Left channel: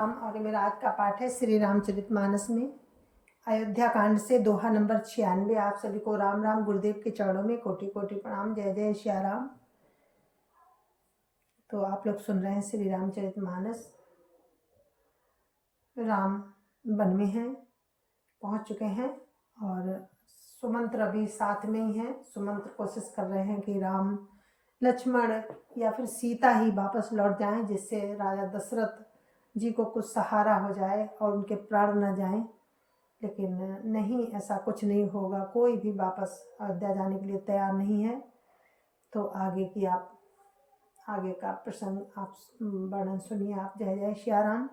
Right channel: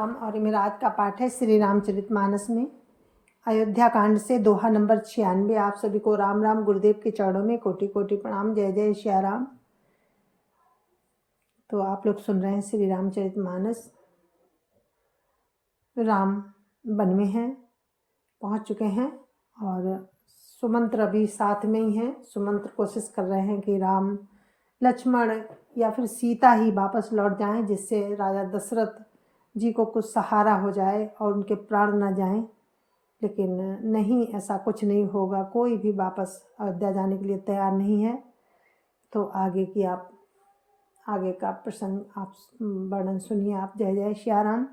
और मेरा आज का पाठ है श्री रामचरितमानस में अयोध्या कांड से दोहा नंबर 96। आप सभी को राम राम। गुरुदेव के चरणों में कोटि कोटि प्रणाम। जय जय श्री राम। तो आप लोग सुन रहे हैं श्री रामचरितमानस। राम वन में हैं, पहुंच चुके हैं और सुमंत्र अभी साथ में ही है। सुमंत्र कोशिश कर रहे हैं कि राम लक्ष्मण या फिर सीता ही वापस लौट जाएं, जिससे राजा दशरथ जी को कुछ सहारा हो जाए और उनके प्राण न जाएं। लेकिन नहीं, ऐसा कुछ नहीं होगा। कोई भी वापस अयोध्या जाने के लिए तैयार नहीं है। तो आगे का प्रसंग आप वर्णन सुनिए आप। जय जय श्री राम।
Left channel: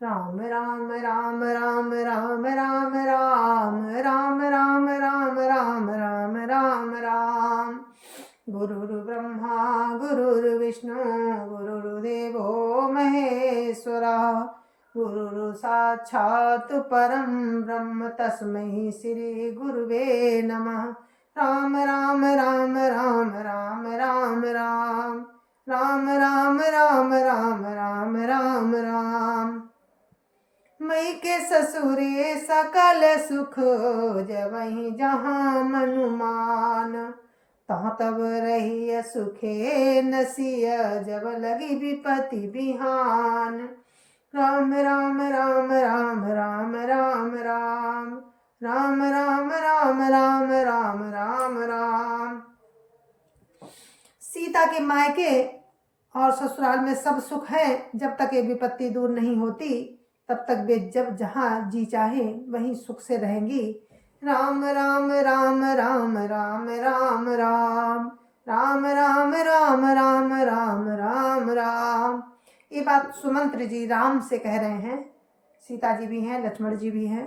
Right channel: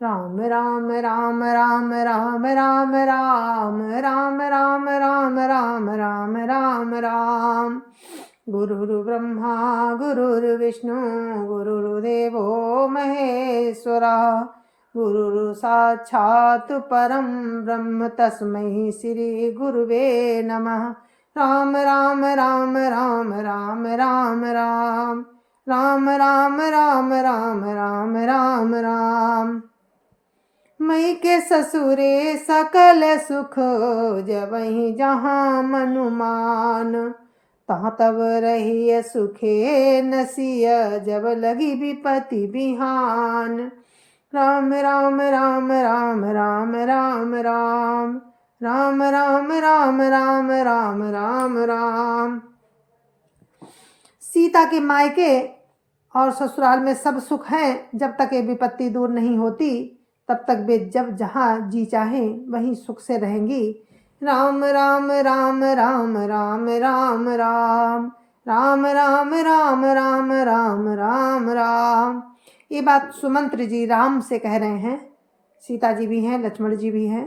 राम राम राम राम राम राम राम राम राम राम राम राम राम राम। गुरुर्ब्रह्मा गुरुर्विष्णु गुरुर्देवो महेश्वरः। गुरु साक्षात् परम ब्रह्म तस्मै श्री गुरुवे नमः। राम राम राम राम राम राम राम राम राम राम राम राम राम राम। मई के ससुरे सकल सुख जवहीं जहाँ मनुमान। तहाँ तब रही सुखे नसिय जब लगी विपत्ति बिहान। राम राम राम राम राम राम राम राम राम राम राम राम राम राम। सीता के मायके और ससुराल में सब सुख है। जब तक ये विपत्ति दूर नहीं होती तब तक वे जब जहाँ जी चाहे वहीं सुख से रहेंगी। राम राम राम राम राम राम राम राम राम राम राम राम राम राम। ये बात सुमंत्र जी राम से कह रहे हैं। सीता जी भी हैं, लक्ष्मण जी भी हैं।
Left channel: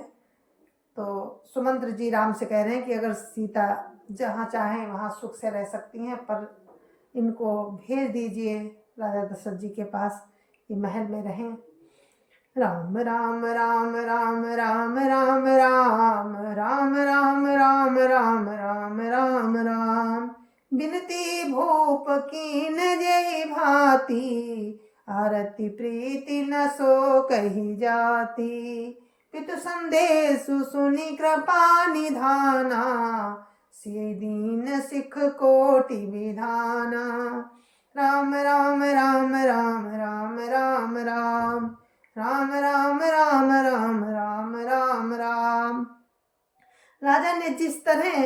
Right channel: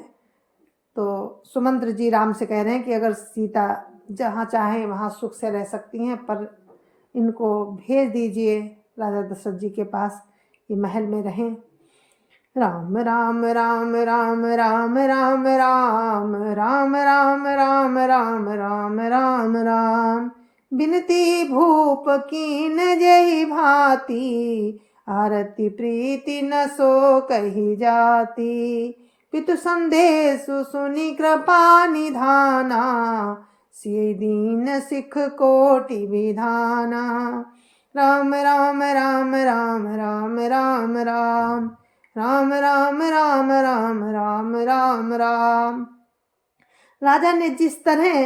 तो सुमंत्र जी राम से कह रहे हैं कि अगर सीता जहाँ चाहे वहाँ सुख से रह सकती हैं, पर इनको भेज दीजिए राजा दशरथ जी के पास, ये महल में रहें। राम राम राम राम राम राम राम राम राम राम राम राम राम राम। बिनती भूप कीन जय भांति आरती प्रीति न सो कही जाती। पितु संदेश सुनि कृपा निधाना सिय दीन सिख कोटि विधाना। राम राम राम राम राम राम राम राम राम राम राम राम राम राम। राजा ने जिस तरह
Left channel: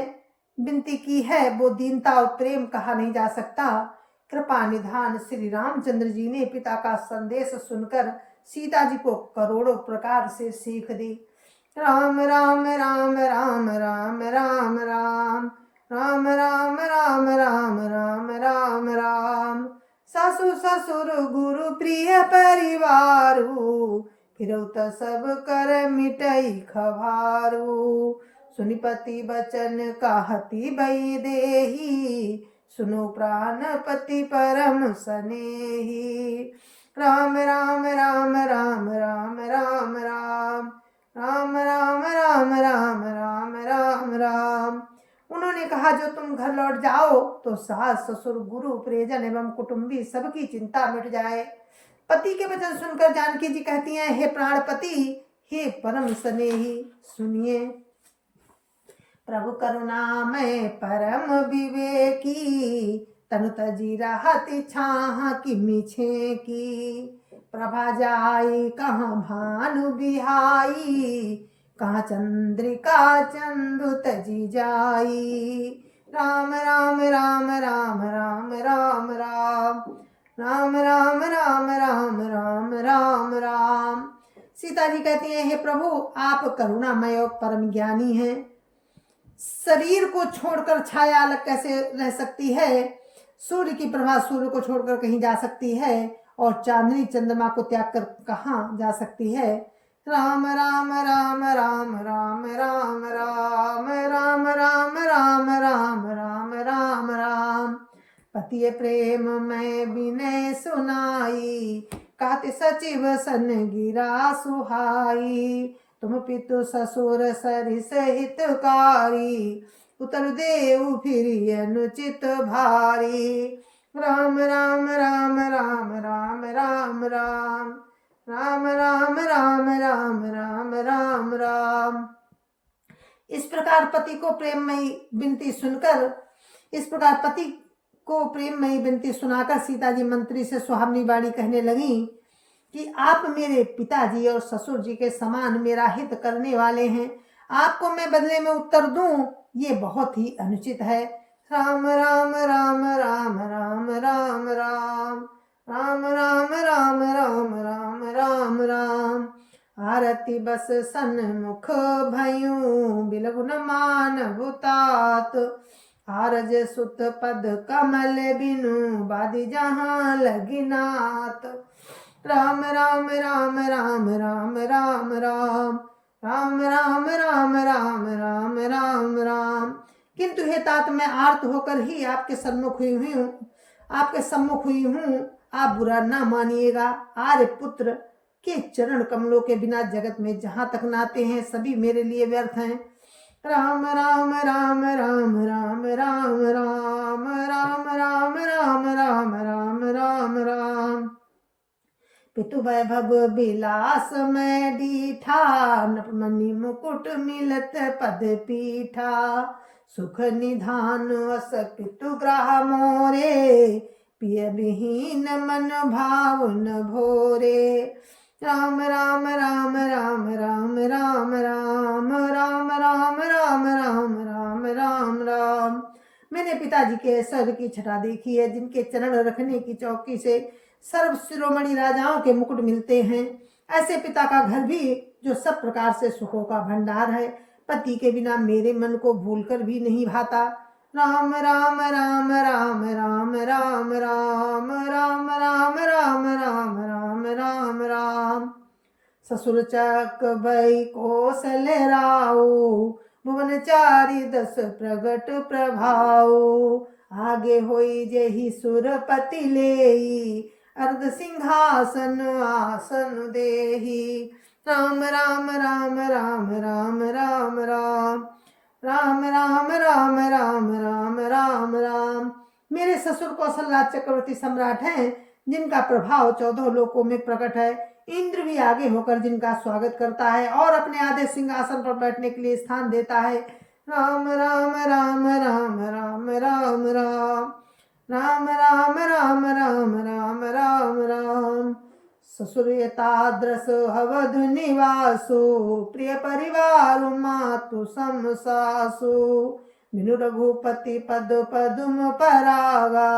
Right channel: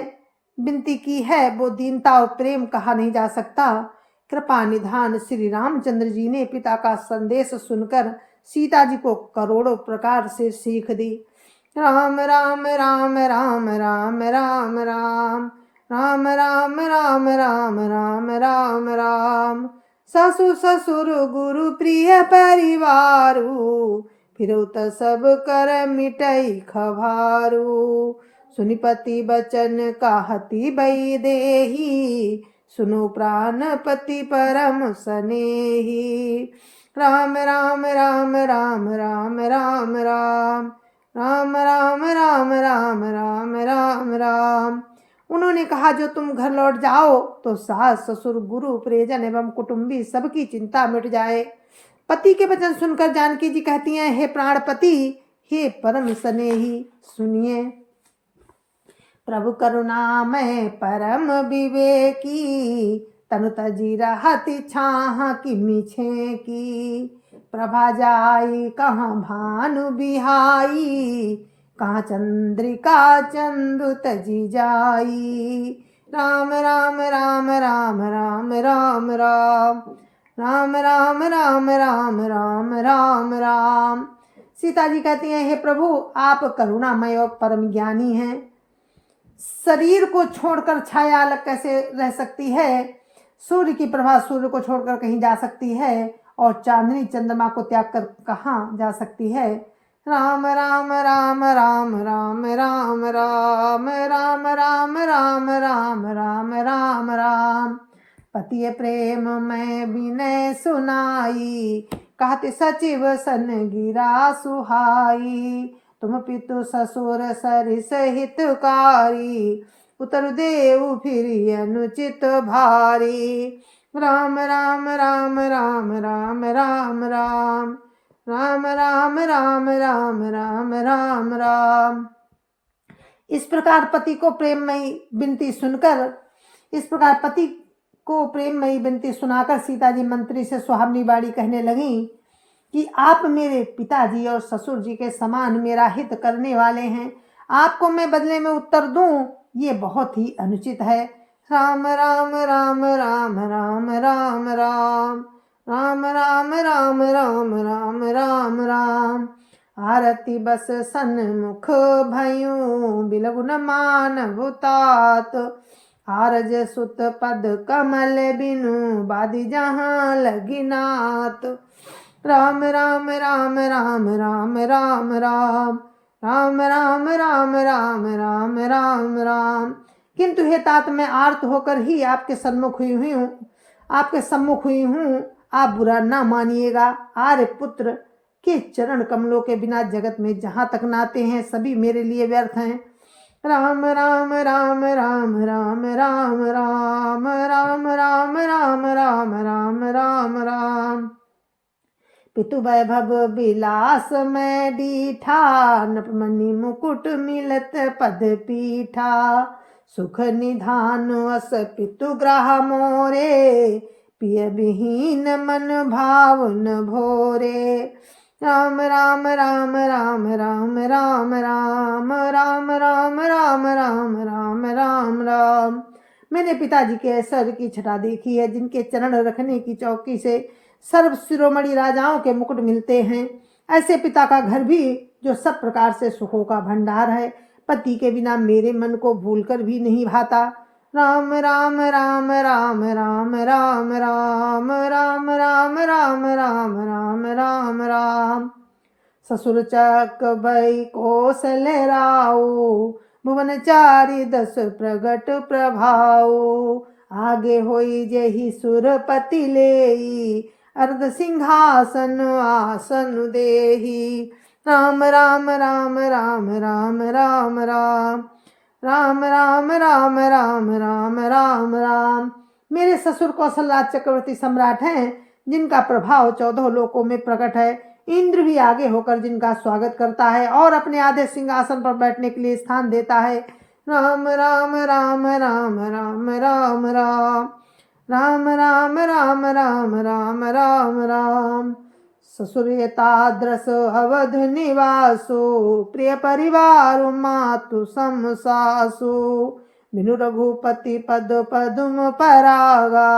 विनती की है वो दीनता और प्रेम कहा नहीं जा सकता। कृपा निधान श्री रामचंद्र जी ने पिता का संदेश सुनकर सीता जी को करोड़ों प्रकार से सीख दी। राम राम राम राम राम राम राम राम राम राम राम राम राम राम। ससुर ससुर गुरु प्रिय परिवारू फिर त सब कर मिटई खभारू। सुनिपति बचन कहती बई देही सुनो प्राणपति परम सनेही। राम राम राम राम राम राम राम राम राम राम राम राम राम राम। उन्होंने कहा जो तुम घर लौट जाओ तो सास ससुर गुरु प्रियजन एवं कुटुंबी सबकी चिंता मिट जाए। पति के वचन सुनकर जानकी जी कहती हैं, हे प्राणपति, हे परम स्नेही, सुनिए। प्रभु करुणामय परम विवेकी तनु तजी रहती छाह की मिछे की। प्रभा जाई कहाँ भानु बिहाई कहाँ चंद्रिका चंदु तजी जाई। राम राम राम राम राम राम राम राम राम राम राम राम राम राम। सीता जी कहती हैं, हे प्रभु, आप करुणामय और परम ज्ञानी हैं। शरीर को छोड़कर छाया अलग कैसे रह सकती है? सूर्य की प्रभा सूर्य को छोड़कर कहीं जा सकती है और चांदनी चंद्रमा को त्याग कर कहाँ जा सकती है? राम राम राम राम राम राम राम राम राम राम राम राम राम राम। पति प्रेम में विनय सुनाई कहते सचिव सन गिरा सुहाई। तुम पितु ससुर सरिस हितकारी उतर देव फिर अनुचित भारी। राम राम राम राम राम राम राम राम राम राम राम राम राम राम। इस प्रकार पति को प्रेममयी विनती सुनाकर सीता जी मंत्री से सुहावनी बाणी कहने लगी कि आप मेरे पिताजी और ससुर जी के समान मेरा हित करने वाले हैं, आपको मैं बदले में उत्तर दूं ये बहुत ही अनुचित है। राम राम राम राम राम राम राम राम राम राम राम राम राम राम। आरती बस सन्मुख भयूं बिलगुन मानव तात, आरज सुत पद कमल बिनु बादी जहाँ लगिनात। राम राम राम राम राम राम राम राम राम राम राम राम राम राम। किंतु हे तात, मैं आर्त होकर ही आपके सम्मुख हुई हूँ, आप बुरा ना मानिएगा। आर्य पुत्र के चरण कमलों के बिना जगत में जहाँ तक नाते हैं सभी मेरे लिए व्यर्थ हैं। राम राम राम राम राम राम राम राम राम राम राम राम राम राम। पितु वैभव विलास में डीठा, नपमणि मुकुट मिलत पद पीठा, सुख निधान अस पितु ग्रह मोरे, पिय विहीन मन भावन भोरे। राम राम राम राम राम राम राम राम राम राम राम राम राम राम। मैंने पिताजी के ऐश्वर्य की छटा देखी है, जिनके चरण रखने की चौकी से सर्व शिरोमणि राजाओं के मुकुट मिलते हैं। ऐसे पिता का घर भी जो सब प्रकार से सुखों का भंडार है, पति के बिना मेरे मन को भूलकर भी नहीं भाता। राम राम राम राम राम राम राम राम राम राम राम राम राम राम। ससुर चक भई कौशल राऊ, भुवन चारि दस प्रगट प्रभाऊ, आगे होई जेहि सुरपति लेई, अर्ध सिंहासन आसन देही। राम राम राम राम राम राम राम राम राम राम राम राम राम राम। मेरे ससुर कौशलराज चक्रवर्ती सम्राट हैं, जिनका प्रभाव 14 लोकों में प्रकट है। इंद्र भी आगे होकर जिनका स्वागत करता है और अपने आधे सिंहासन पर बैठने के लिए स्थान देता है। राम राम राम राम राम राम राम राम राम राम राम राम राम राम। ससुरेताद्रस अवध निवासो, प्रिय परिवार मातु सम सासु, बिनु रघुपति पद पदुम परागा,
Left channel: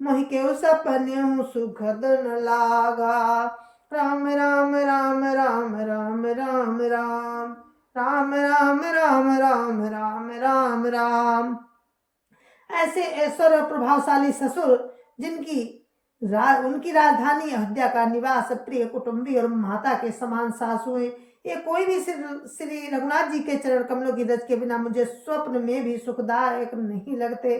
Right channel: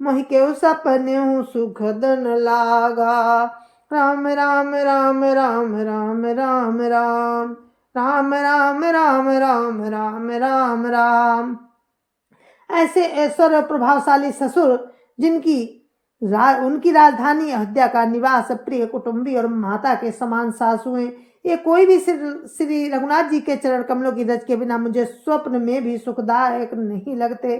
मोहि केउ सपने सुख दन लागा। राम राम राम राम राम राम राम राम राम राम राम राम राम राम। ऐसे ऐश्वर्य प्रभावशाली ससुर, उनकी राजधानी अयोध्या का निवास, प्रिय कुटुंबी और माता के समान सासुएं, ये कोई भी श्री रघुनाथ जी के चरण कमलों की रज के बिना मुझे स्वप्न में भी सुखदायक नहीं लगते।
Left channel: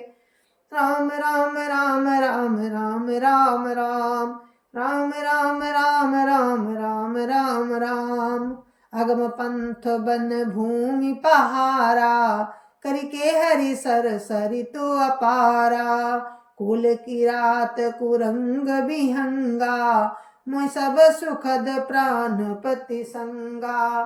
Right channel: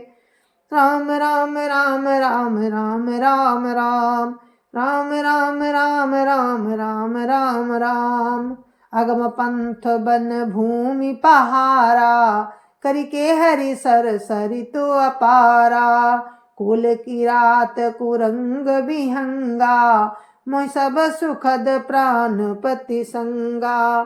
राम राम राम राम राम राम राम राम राम राम राम राम राम राम। अगम पंथ बन भूमि पहारा, करके हरि सर सरितु अपारा, कुल की रात कुरंग विहंगा, मोहि सब सुखद प्राणपति संगा।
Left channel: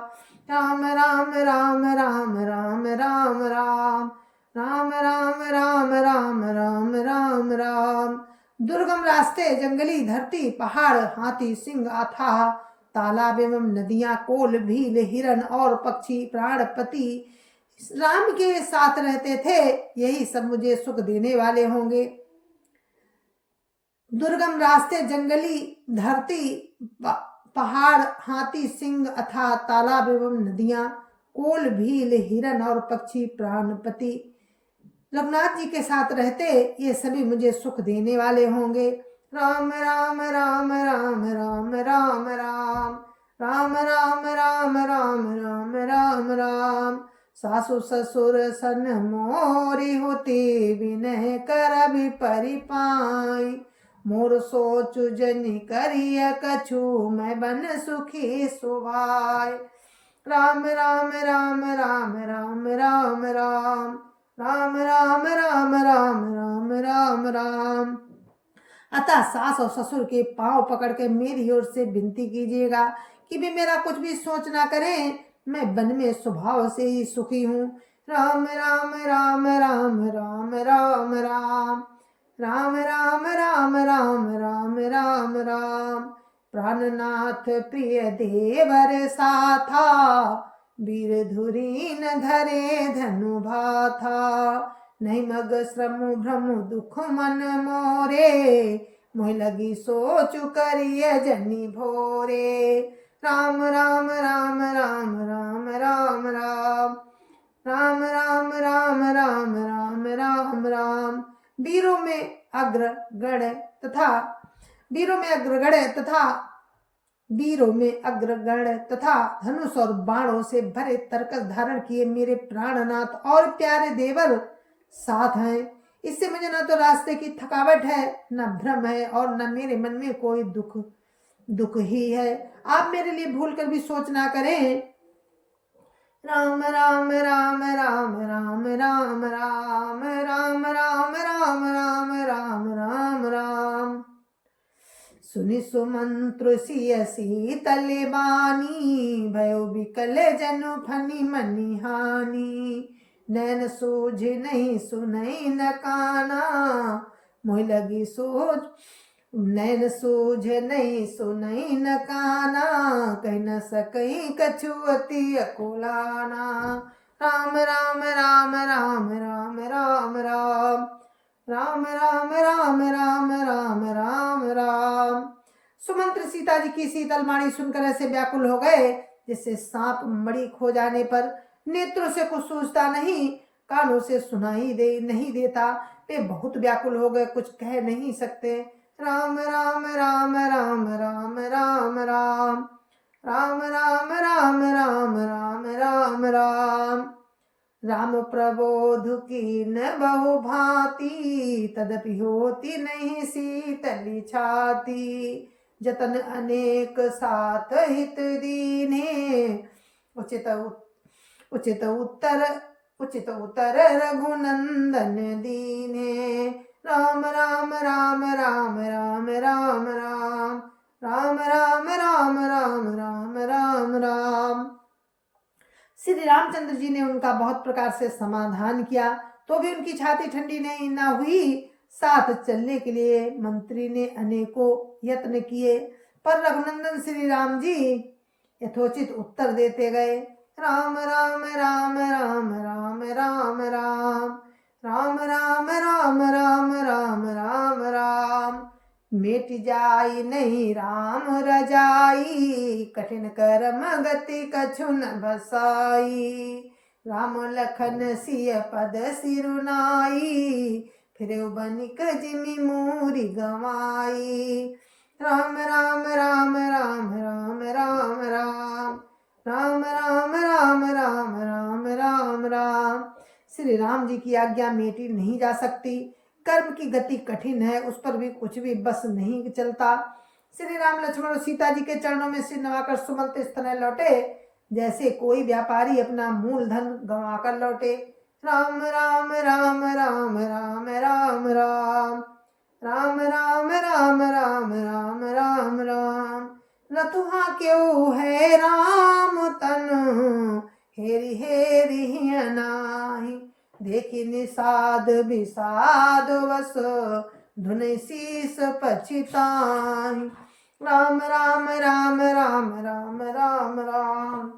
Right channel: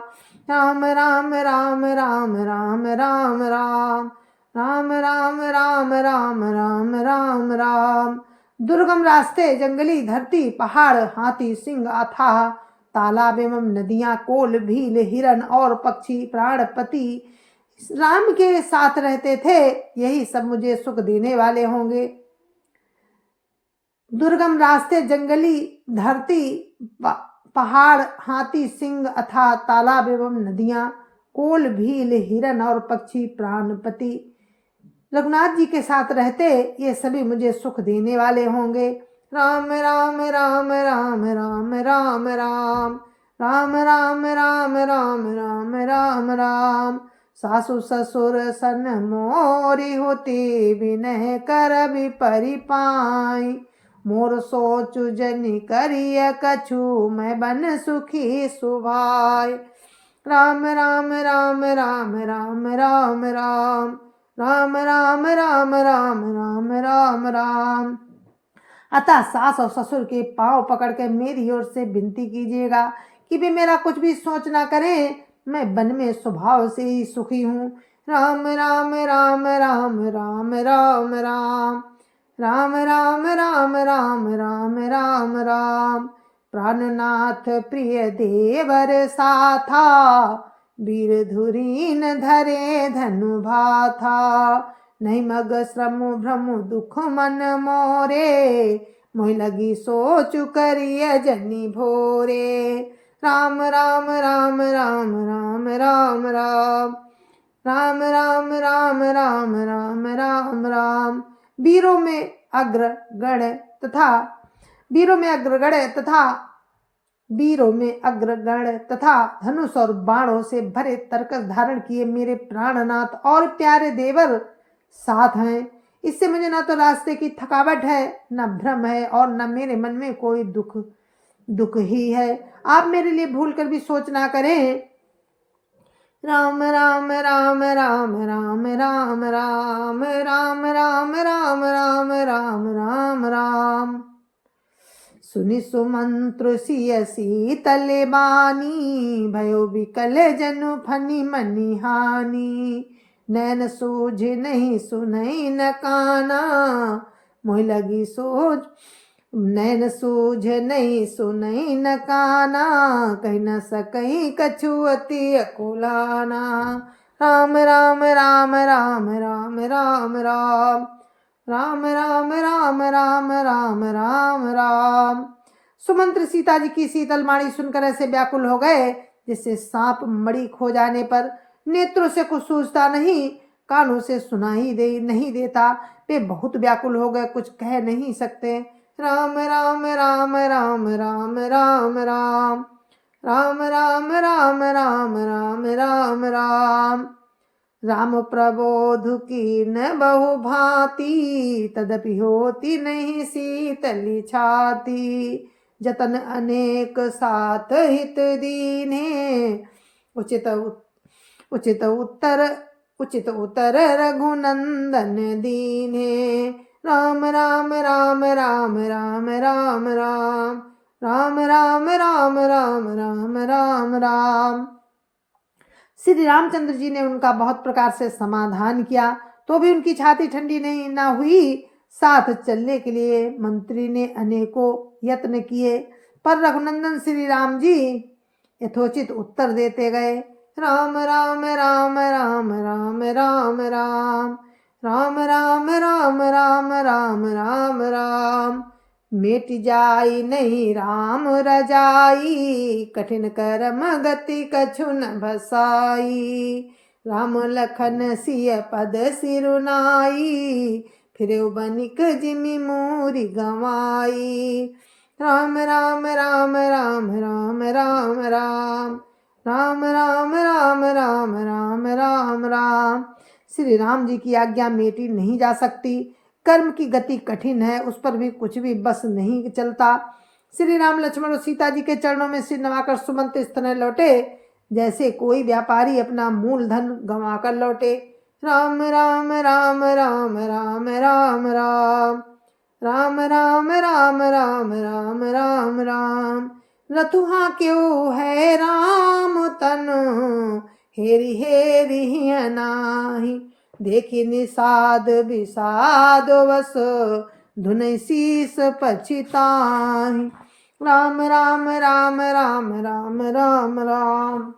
राम राम राम राम राम राम राम राम राम राम राम राम राम राम। दुर्गम रास्ते, जंगली धरती, पहाड़, हाथी, सिंह, अथाह तालाब एवं नदियां, कोल, भील, हिरण और पक्षी प्राणपति राम के साथ रहते थे, यही सब मुझे सुख देने वाले होंगे। दुर्गम रास्ते, जंगली धरती, पहाड़, हाथी, सिंह, अथाह तालाब एवं नदियां, कोल, भील, हिरण और पक्षी प्राणपति रघुनाथ जी के साथ रहते, ये सभी मुझे सुख देने वाले होंगे। राम राम राम राम राम राम राम राम राम राम राम राम राम राम। सासु ससुर सन मोरी होती, विनय कर भी परिपाई, मोर सोचु जनि करिय कछु, मैं बन सुखी सुभाई। राम राम राम राम राम राम राम राम राम राम राम राम राम राम। अतः सास और ससुर के पांव पकड़ के मेरी ओर से विनती कीजिएगा कि वे मेरा कुछ भी सोच ना करें। मैं वन में स्वभाव से ही सुखी हूँ। राम राम राम राम राम राम राम राम राम राम राम राम राम राम। प्राणनाथ प्रिय देवर साथा, वीर धुरीन धरे धनु भाथा। नहीं मग श्रम भ्रम दुख मन मोरे, मोह लगी सोच करिय जनी भोरे। राम राम राम राम राम राम राम राम राम राम राम राम राम राम। वीरों में अग्रगण तथा धनुष और बाणों से भरे तरकस धारण किए मेरे प्राणनाथ और प्यारे देवर साथ हैं। इससे मुझे ना तो रास्ते की थकावट है, न भ्रम है, और न मेरे मन में कोई दुख ही है। आप मेरे लिए भूल कर भी सोच ना करें। राम राम राम राम राम राम राम राम राम राम राम राम राम राम। सुनि सुमंत्र सिय शीतल बानी, भयो विकल जनु फनि मनि हानि। नैन सूझ नहीं सुनई न काना, मोह लगी सोच नैन सूझ नहीं सुनई न काना। कह न सकई कछु अति अकुलाना। राम राम राम राम राम राम राम राम राम राम राम राम राम राम। सुमंत्र सीता जी की शीतल वाणी सुनकर ऐसे व्याकुल हो गए जिससे सांप मणि खो जाने पर नेत्रों से कुछ सूझता नहीं, कानों से सुनाई नहीं देता। वे बहुत व्याकुल हो गए, कुछ कह नहीं सकते। राम राम राम राम राम राम राम राम राम राम राम राम राम राम। राम प्रबोध की न बहु भांति, तदपि होती नहीं शीतली छाती। जतन अनेक साथ हित दीने, उचित उत्तर रघुनंदन दीने। राम राम राम राम राम राम राम राम राम राम राम राम राम राम। श्री रामचंद्र जी ने उनका बहुत प्रकार से समाधान किया, तो भी उनकी छाती ठंडी नहीं ना हुई। साथ चलने के लिए मंत्री ने अनेकों यत्न किए, पर रघुनंदन श्री राम जी यथोचित उत्तर देते गए। राम राम राम राम राम राम राम राम राम राम राम राम राम राम। मिट जाई नहीं राम रजाई, कठिन कर्म गति कछु न बसाई। राम लखन सिय पद सिरुनाई, फिर बनिक जिमि मूरी गवाई। राम राम राम राम राम राम राम राम राम राम राम राम राम राम। श्री राम जी की आज्ञा मेटी नहीं जा सकती। कर्म की गति कठिन है, उस पर भी कुछ भी बस नहीं चलता। श्री राम लक्ष्मण और सीता जी के चरणों में सिर नवाकर सुमंत इस तरह लौटे जैसे कोई व्यापारी अपना मूलधन गंवा कर लौटे। राम राम राम राम राम राम राम राम राम राम राम राम राम राम। रतुहा क्यों है राम तनु, हेरी हेरी नाही। देखी निषाद विषाद वस, धुन शीस पछिताहि। राम राम राम राम राम राम राम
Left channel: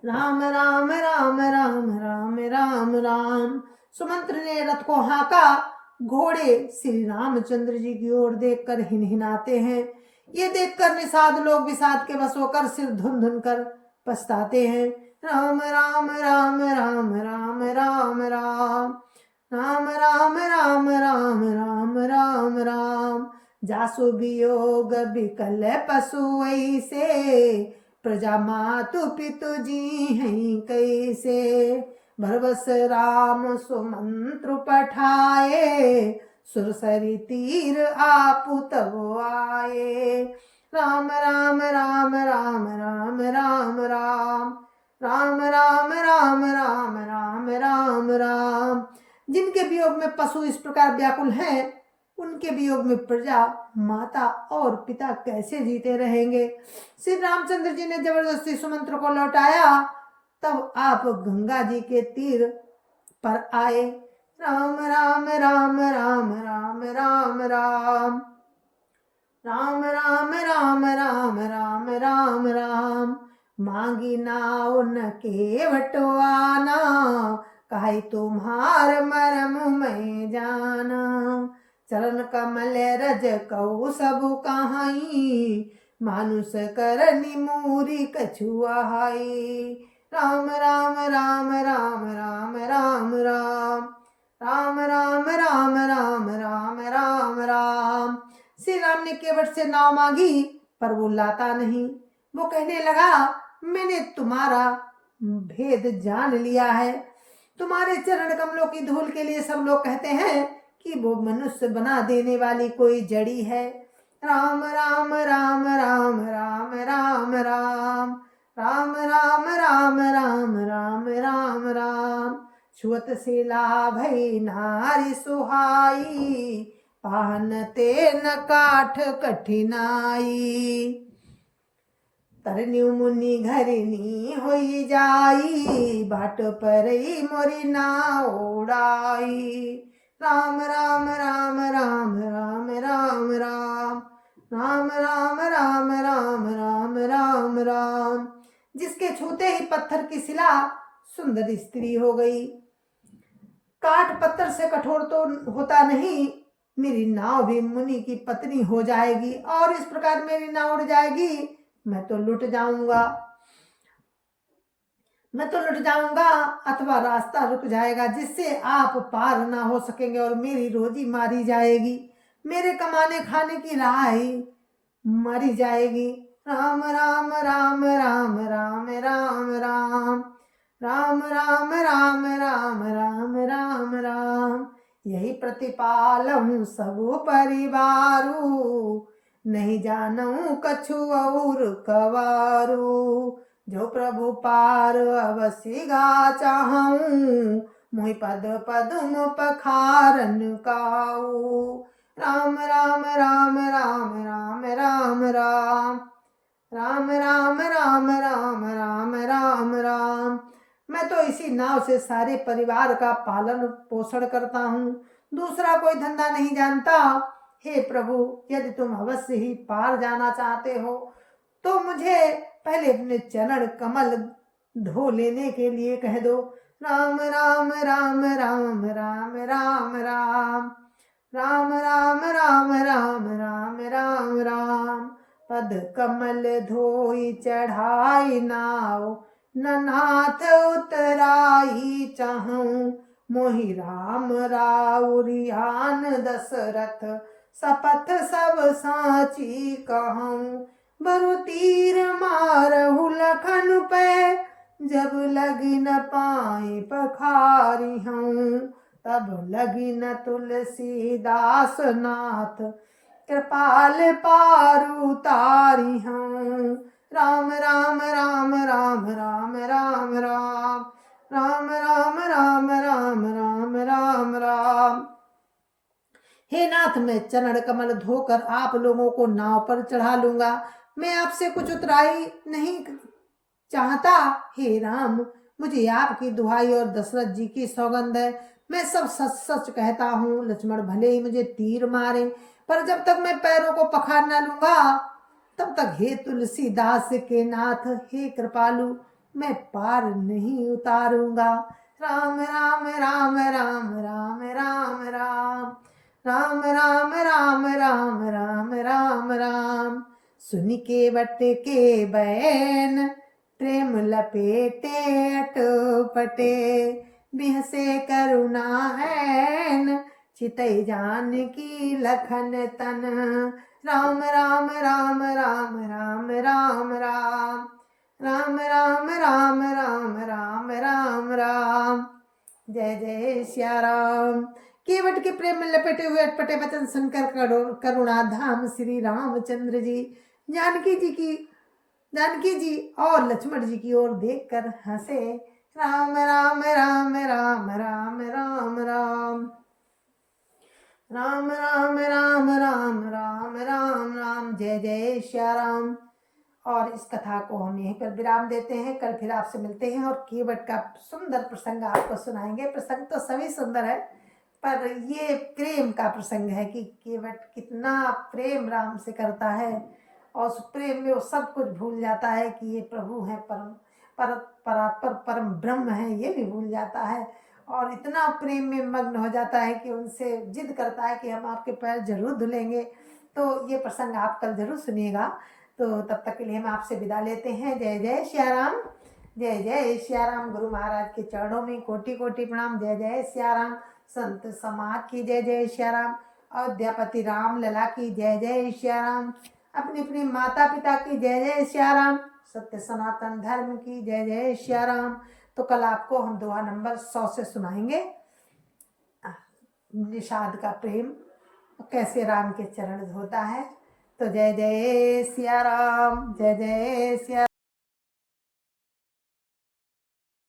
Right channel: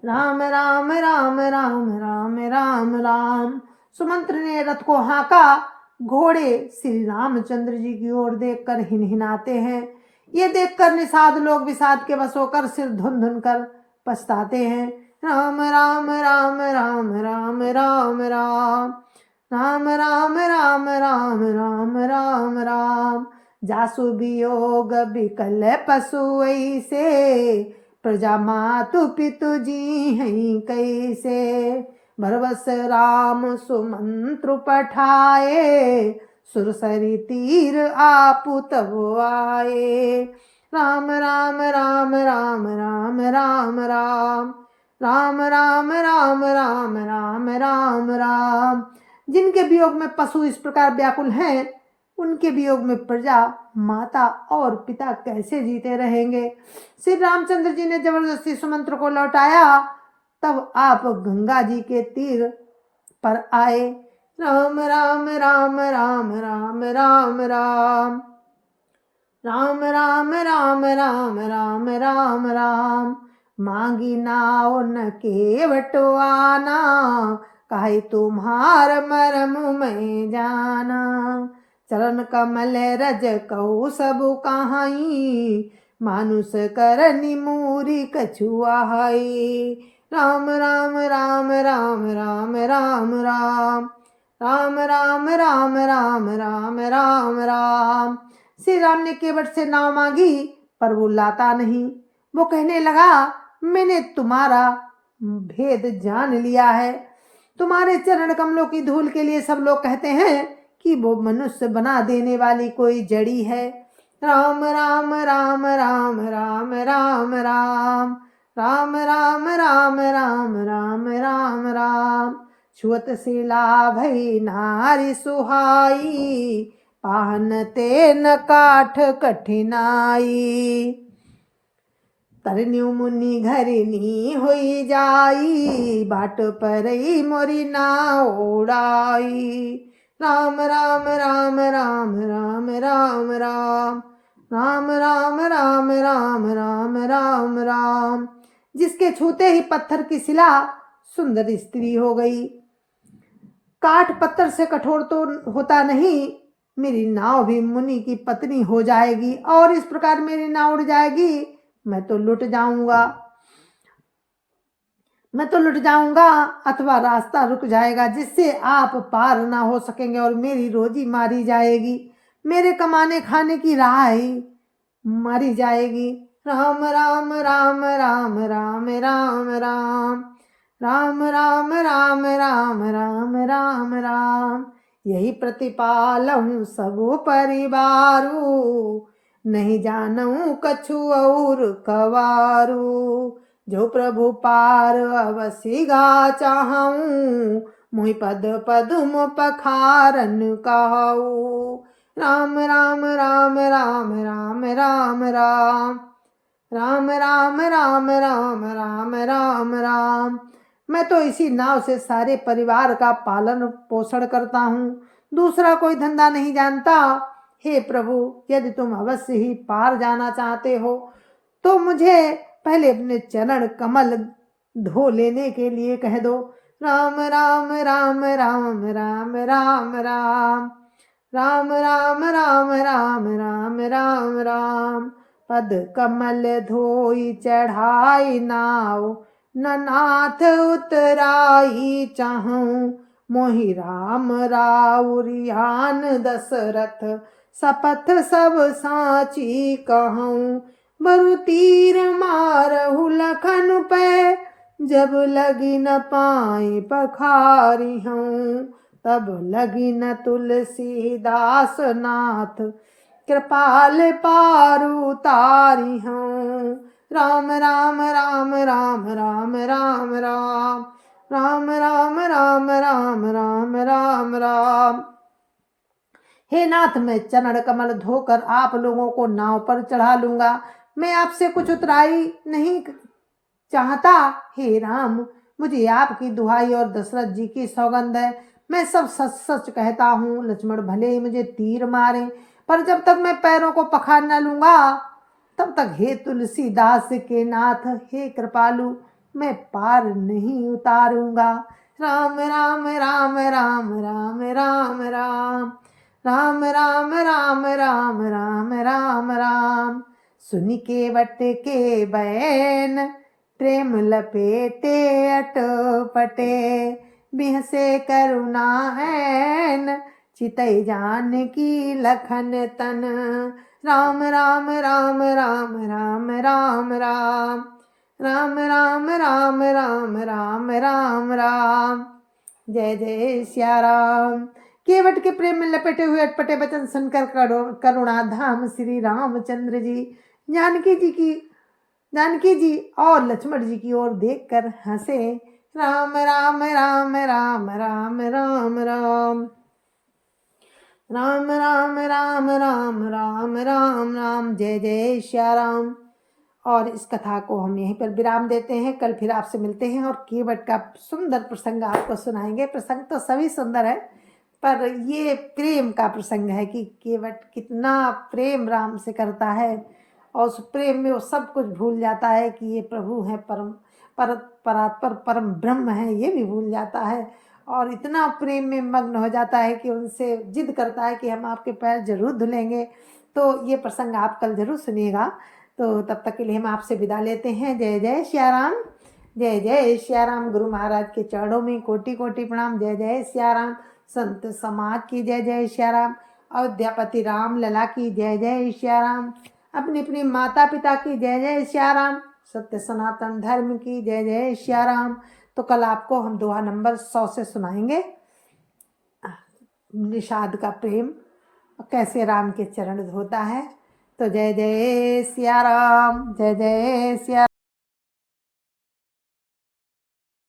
राम राम राम राम राम राम राम। सुमंत्र ने रथ को हाँका। घोड़े श्री रामचंद्र जी की ओर देखकर हिनहिनाते हैं। ये देखकर निषाद लोग विषाद के वश होकर सिर धुन धुन कर पछताते हैं। राम राम राम राम राम राम राम राम राम राम राम राम राम राम। जासु वियोग विकल पशु ऐसे, प्रजा मातु पितु जी हैं कैसे। भरवस राम सुमंत्र पठाए, सुरसरी तीर आपु तब आए। राम राम राम राम राम राम राम राम राम राम राम राम राम राम। जिनके वियोग में पशु इस प्रकार व्याकुल हैं, उनके वियोग में प्रजा, माता और पिता कैसे जीते रहेंगे। श्री रामचंद्र जी ने जबरदस्ती सुमंत्र को लौटाया। तब आप गंगा जी के तीर पर आए। राम राम राम राम राम राम राम राम राम राम राम राम राम राम। मांगी नाव न केवटवाना, काहे तुम्हार मरम में जाना। चरण कमल रज कऊ सब कहाई, मानुष करनी मूरी कछुआई। राम राम राम राम राम राम राम राम राम राम राम राम राम राम। श्री राम ने केवट से नाव मांगी, पर वो लाता नहीं। वो कहने लगा, मैंने तुम्हारा भेद जान लिया है। तुम्हारे चरण कमलों की धूल के लिए सब लोग कहते हैं कि वो मनुष्य बना देने वाली कोई जड़ी है। राम राम राम राम राम राम राम राम राम राम राम राम राम राम। छुअत शिला भई नारी सुहाई, पाहन तेन काठ कठिनाई। तरन्यु मुनि घरिनी होई जाई, बाट पर मोरी नाव उड़ाई। राम राम राम राम राम राम राम राम राम राम राम राम राम राम। जिसके छूते ही पत्थर की शिला सुंदर स्त्री हो गई। काठ पत्थर से कठोर तो होता नहीं, मेरी नाव भी मुनि की पत्नी हो जाएगी और इस प्रकार मेरी नाव उड़ जाएगी। मैं तो लुट जाऊंगा अथवा रास्ता रुक जाएगा, जिससे आप पार ना हो सकेंगे और मेरी रोजी मारी जाएगी। मेरे कमाने खाने की राह ही मारी जाएगी। राम राम राम राम राम राम राम राम राम राम राम राम राम राम। यही प्रतिपालहूँ सब परिवारू, नहीं जानूं कछु और कवारू। जो प्रभु पार अवसि गा चाहूं, मोहि पद पदुम पखारन कहाऊ। राम राम राम राम राम राम राम राम राम राम राम राम राम राम। मैं तो इसी नाव से सारे परिवार का पालन पोषण करता हूँ, दूसरा कोई धंधा नहीं जानता। हे प्रभु, यदि तुम अवश्य ही पार जाना चाहते हो तो मुझे पहले अपने चरण कमल धो लेने के लिए कह दो। राम राम राम राम राम राम राम राम राम राम राम राम राम राम। पद कमल धोई चढ़ाई नाव, न नाथ उतराई चाहूं। मोहि राम राउरियान दशरथ, सपथ सब साची कहूं। बरु तीर मारहु लखन पे, जब लगी न पाए पखारी हूँ। तब लगी न तुलसीदास नाथ, कृपाल पारु तारी हूँ। राम राम राम राम राम राम राम राम राम राम राम राम राम राम। हे नाथ, मैं चरण कमल धोकर आप लोगों को नाव पर चढ़ा लूंगा। मैं आपसे कुछ उतराई नहीं चाहता। हे राम, मुझे आपकी दुहाई और दशरथ जी की सौगंध है, मैं सब सच सच कहता हूँ। लक्ष्मण भले ही मुझे तीर मारे, पर जब तक मैं पैरों को पखार न लूंगा तब तक हे तुलसीदास के नाथ, हे कृपालु, मैं पार नहीं उतारूंगा। राम राम राम राम राम राम राम राम राम राम राम राम राम राम। सुन के वट के बैन, प्रेम लपेटे अटपटे। बिहसे करुणा हैन, चितई जान की लखन तन। राम राम राम राम राम राम राम राम राम राम राम राम राम राम। जय जय सिया राम। केवट के प्रेम में लपेटे हुए अटपटे वचन सुनकर करुणा धाम श्री रामचंद्र जी जानकी जी और लक्ष्मण जी की ओर देखकर हंसे। राम राम राम राम राम राम राम राम राम राम राम राम राम राम, जय जय श्या राम। और इस कथा को हम यहीं पर विराम देते हैं। कल फिर आपसे मिलते हैं और केवट का सुंदर प्रसंग आपको सुनाएंगे। प्रसंग तो सभी सुंदर है, पर ये प्रेम का प्रसंग है कि केवट कितना प्रेम राम से करता है और उस प्रेम में वो सब कुछ भूल जाता है कि ये प्रभु हैं, परात्पर परम ब्रह्म है, ये भी भूल जाता है और इतना प्रेम में मग्न हो जाता है कि उनसे जिद करता है कि हम आपके पैर जरूर धुलेंगे। तो ये प्रसंग आप कल जरूर सुनिएगा। तो तब तक के लिए हम आपसे विदा लेते हैं। जय जय श्या राम, जय जय श्या राम। गुरु महाराज के चरणों में कोटि कोटि प्रणाम। जय जय श्या राम। संत समाज की जय जय श्या राम। अयोध्यापति राम लला की जय जय श्या राम। अपनी अपनी माता पिता की जय जय श्या राम। सत्य सनातन धर्म की जय जय श्या राम। तो कल आपको हम दोहा नंबर 100 से सुनाएंगे निषाद का प्रेम कैसे राम के चरण धोता है। तो जय जय सिया राम, जय जय सिया।